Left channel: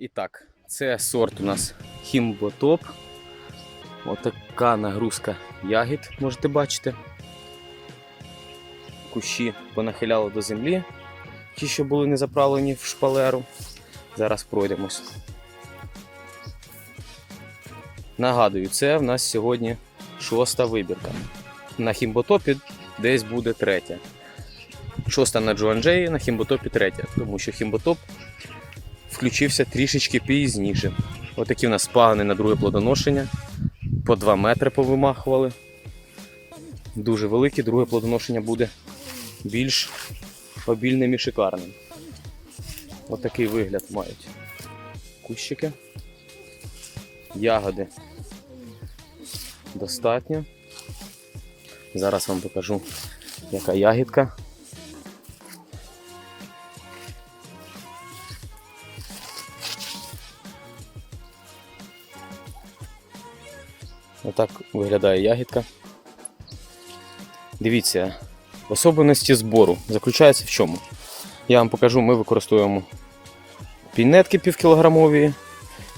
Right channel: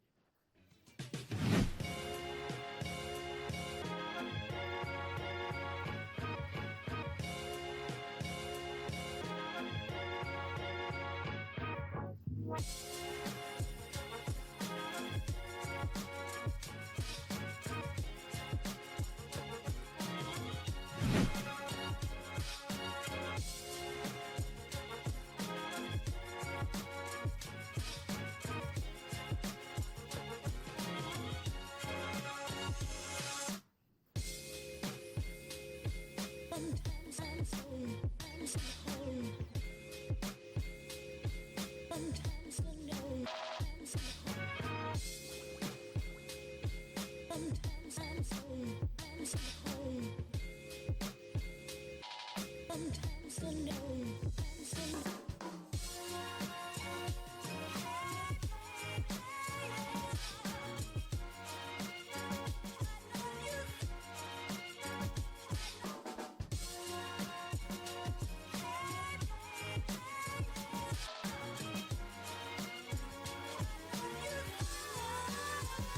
І так, це сорт у нас хімботоп. Отака нагрузка ягід, можете бачити. Кущі понахиляли до землі, ті, що були не заправлені в шпалеру. Зараз пройдемось. Нагадую, це в нас сьогодні шоста вибірка. На хімботопі десь буде третя. Шоста на Джоанджеї, на хімботопі третя, тому що хімботоп включився трішечки пізніше. Отакі в нас пагани на друге плодоношення. По 2 метри повимахували. Дуже великі, друге плодоношення буде більш обільним і шикарним. Отакий вигляд мають кущики. Ягоди достатньо. Зараз вам покажу, яка ягідка. Отак виглядає ягідка. Дивіться, особливості збору заключаються в чому? Я вам покажу, ми використовуємо пінетки півкілограмові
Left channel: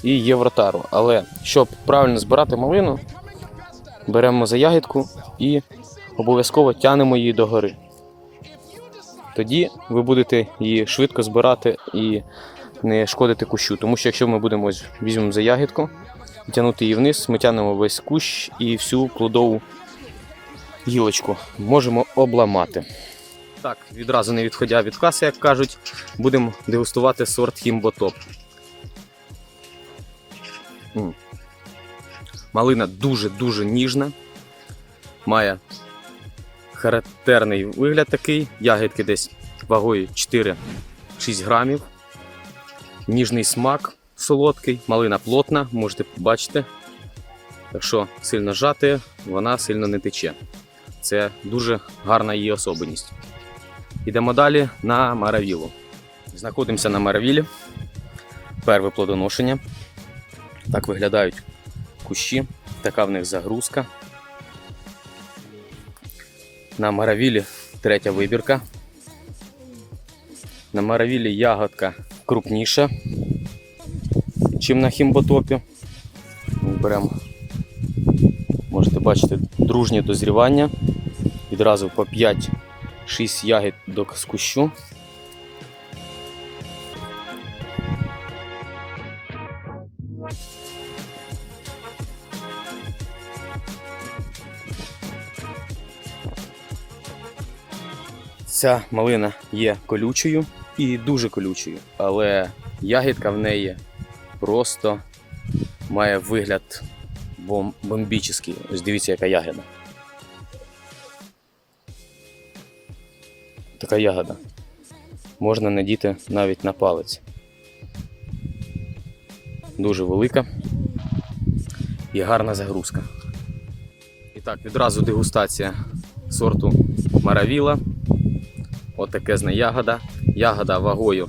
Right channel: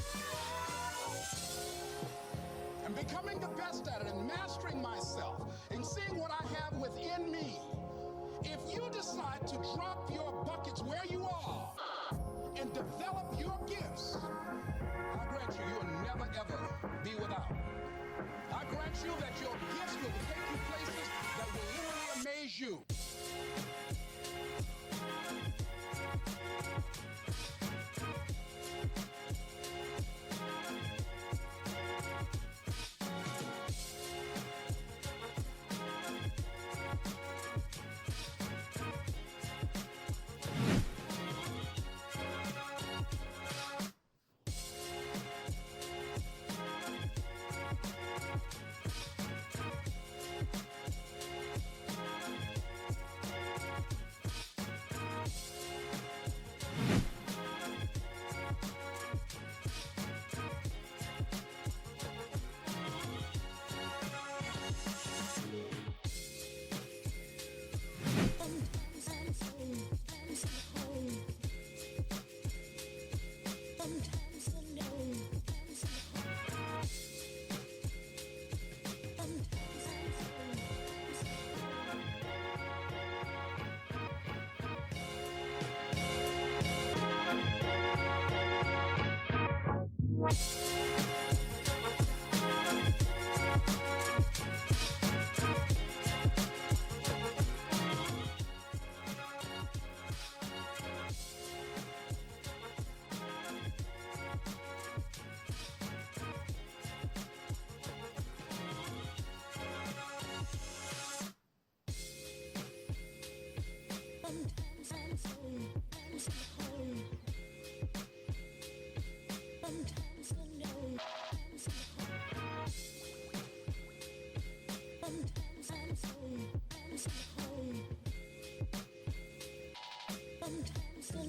і євротару. Але щоб правильно збирати малину, беремо за ягідку і обов'язково тянемо її догори. Тоді ви будете її швидко збирати і не шкодити кущу. Тому що якщо ми будемо візьмемо за ягідку, тягнути її вниз, ми тягнемо весь кущ і всю плодову гілочку можемо обламати. Так, відразу не відходя від каси, як кажуть, будемо дегустувати сорт хімботоп. Малина дуже-дуже ніжна, має характерний вигляд такий, ягідки десь вагою 4-6 грамів. Ніжний смак солодкий, малина плотна, можете побачити. Якщо сильно жати, вона сильно не тече. Це дуже гарна її особливість. Йдемо далі на маравілу. Знаходимося на маравілі. Перве плодоношення. Так виглядають кущі, така в них загрузка. На маравілі третя вибірка. На маравілі ягодка крупніша, чим на хімботопі. Беремо, можете бачити, дружнє дозрівання. Відразу по 5-6 ягід до кущу. Ця малина є колючою і дуже колючою, але ягідка в неї просто має вигляд бом- бомбічний. Ось дивіться, яка ягода. Така ягода. Можна надіти навіть на палець. Дуже велика і гарна загрузка. І так, відразу дегустація сорту Маравіла. Отакезна ягода. Ягода вагою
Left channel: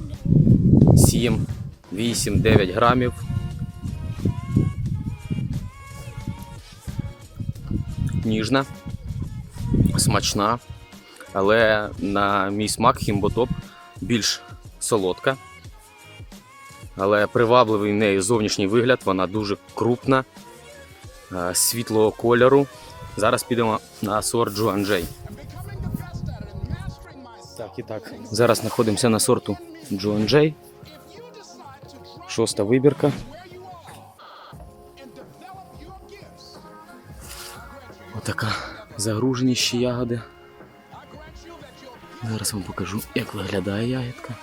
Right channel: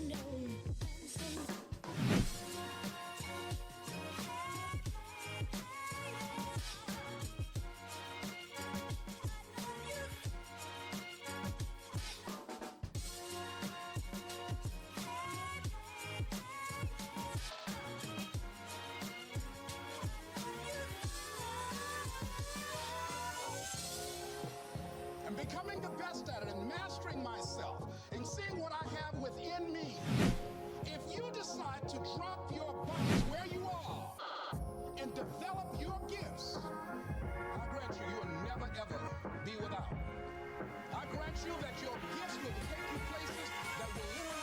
7, 8, 9 грамів. Ніжна, смачна, але на мій смак хімботоп більш солодка. Але привабливий в неї зовнішній вигляд, вона дуже крупна, е, світлого кольору. Зараз підемо на сорт Джуанджей. І так. Зараз знаходимося на сорту Джуанджей. Шоста вибірка. Отака загруженість ягоди. Зараз вам покажу, як виглядає ягідка.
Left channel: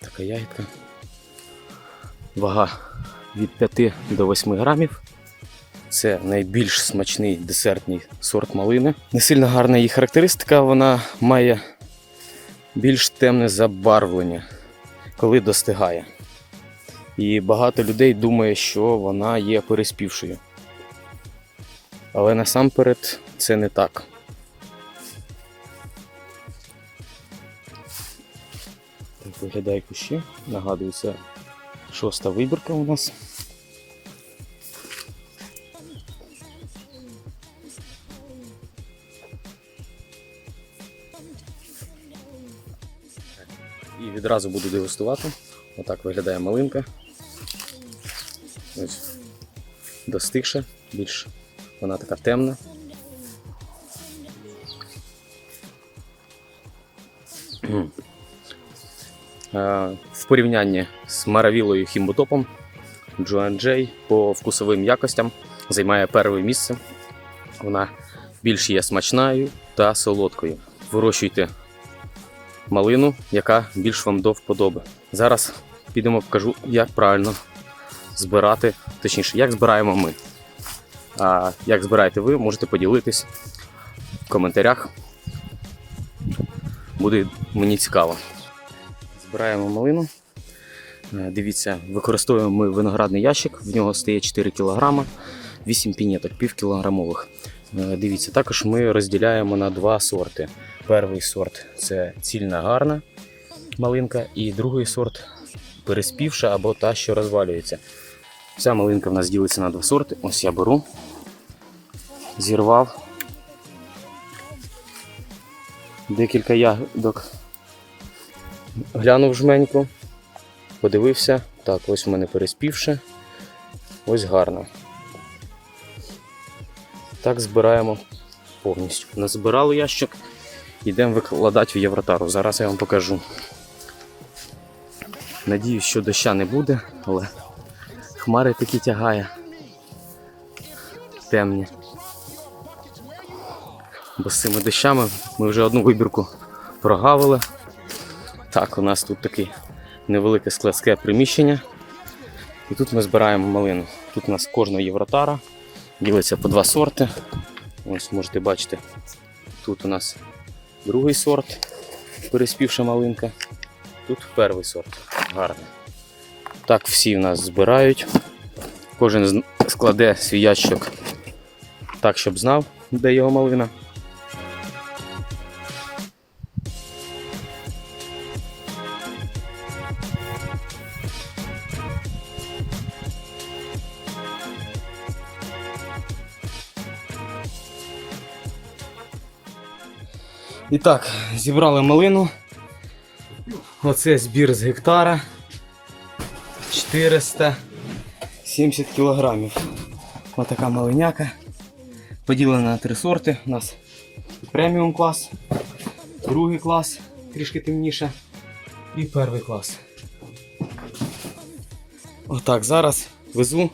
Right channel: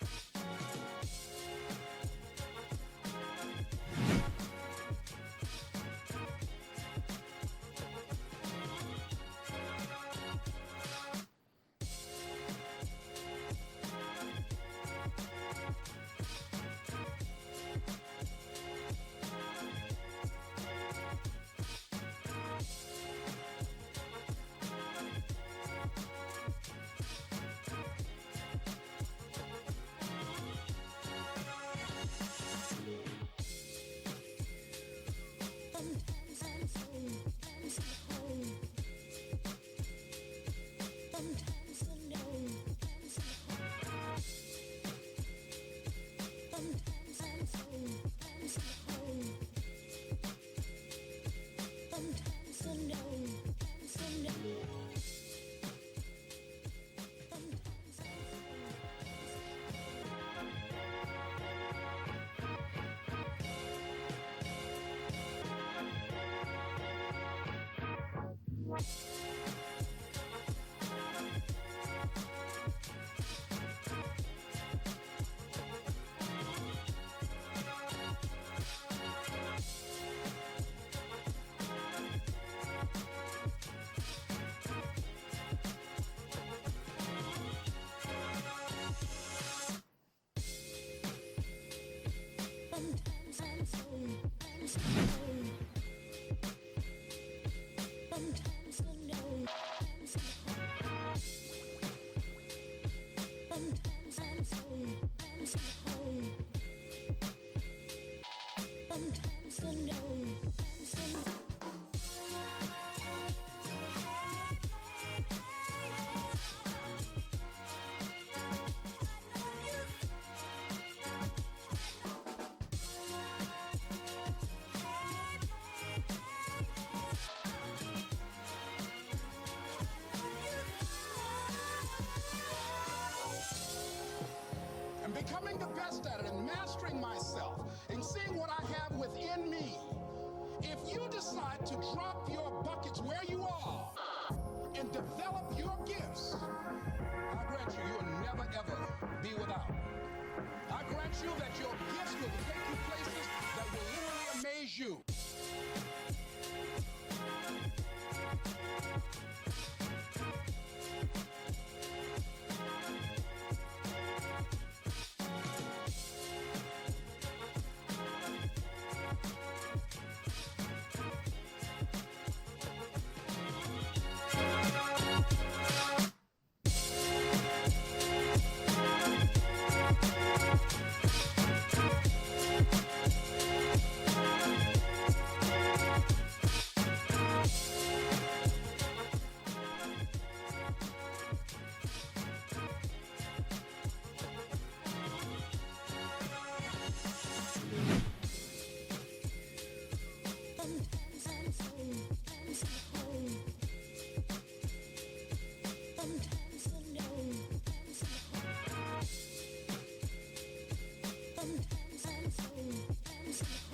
Така ягідка. Вага від 5 до 8 грамів. Це найбільш смачний десертний сорт малини. Не сильно гарна її характеристика, вона має більш темне забарвлення, коли достигає. І багато людей думає, що вона є переспівшою. Але насамперед це не так. Виглядає кущі. Нагадую, це Шоста вибірка у нас. І відразу буду дегустувати. Отак виглядає малинка. Ось достигша, більш вона така темна. В порівнянні з Маравілою Хімбутопом Джоан Джей по вкусовим якостям займає перше місце. Вона більш є смачною та солодкою. Вирощуйте малину, яка більш вам до вподоби. Зараз підемо покажу, як правильно збирати, точніше, як збираємо ми. А як збираєте ви, можете поділитись в коментарях. Буде мені цікаво. Збираємо малину. Е, Дивіться, використовуємо ми виноградний ящик, в нього стає 4 кг, 8 пінеток, пів кілограмових. Е, Дивіться, також ми розділяємо на два сорти. Перший сорт це цільна гарна малинка, і другий сорт переспівша або та, що розвалюється. Ця малинка в нас ділиться на два сорти. Ось я беру, зірвав декілька ягодок, глянув жменьку, подивився. Так, ось у мене переспівше, ось гарно. Так збираємо повністю. Назбирали ящик, йдемо викладати в Євротару. Зараз я вам покажу. Надіюсь, що доща не буде, але хмари такі тягає. Темні. Бо з цими дощами ми вже одну вибірку прогавили. Так, у нас тут таке невелике складське приміщення. І тут ми збираємо малину. Тут у нас кожна євротара. Ділиться по два сорти. Ось можете бачити, тут у нас другий сорт, переспівша малинка. Тут перший сорт. Гарний. Так всі в нас збирають. Кожен складе свій ящик так, щоб знав, де його малина. І так, зібрали малину. Оце збір з гектара. 470 кілограмів. Ось така малиняка. Поділена на три сорти. У нас преміум клас, другий клас, трішки темніше, і перший клас. Отак, зараз везу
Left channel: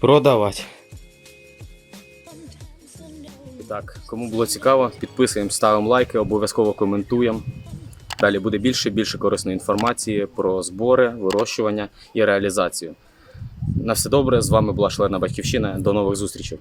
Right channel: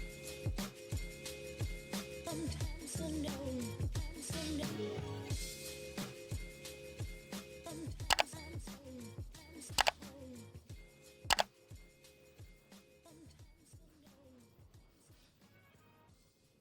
продавати. Так, кому було цікаво, підписуємо, ставимо лайки, обов'язково коментуємо. Далі буде більше і більше корисної інформації про збори, вирощування і реалізацію. На все добре, з вами була Шлена Батьківщина. До нових зустрічей.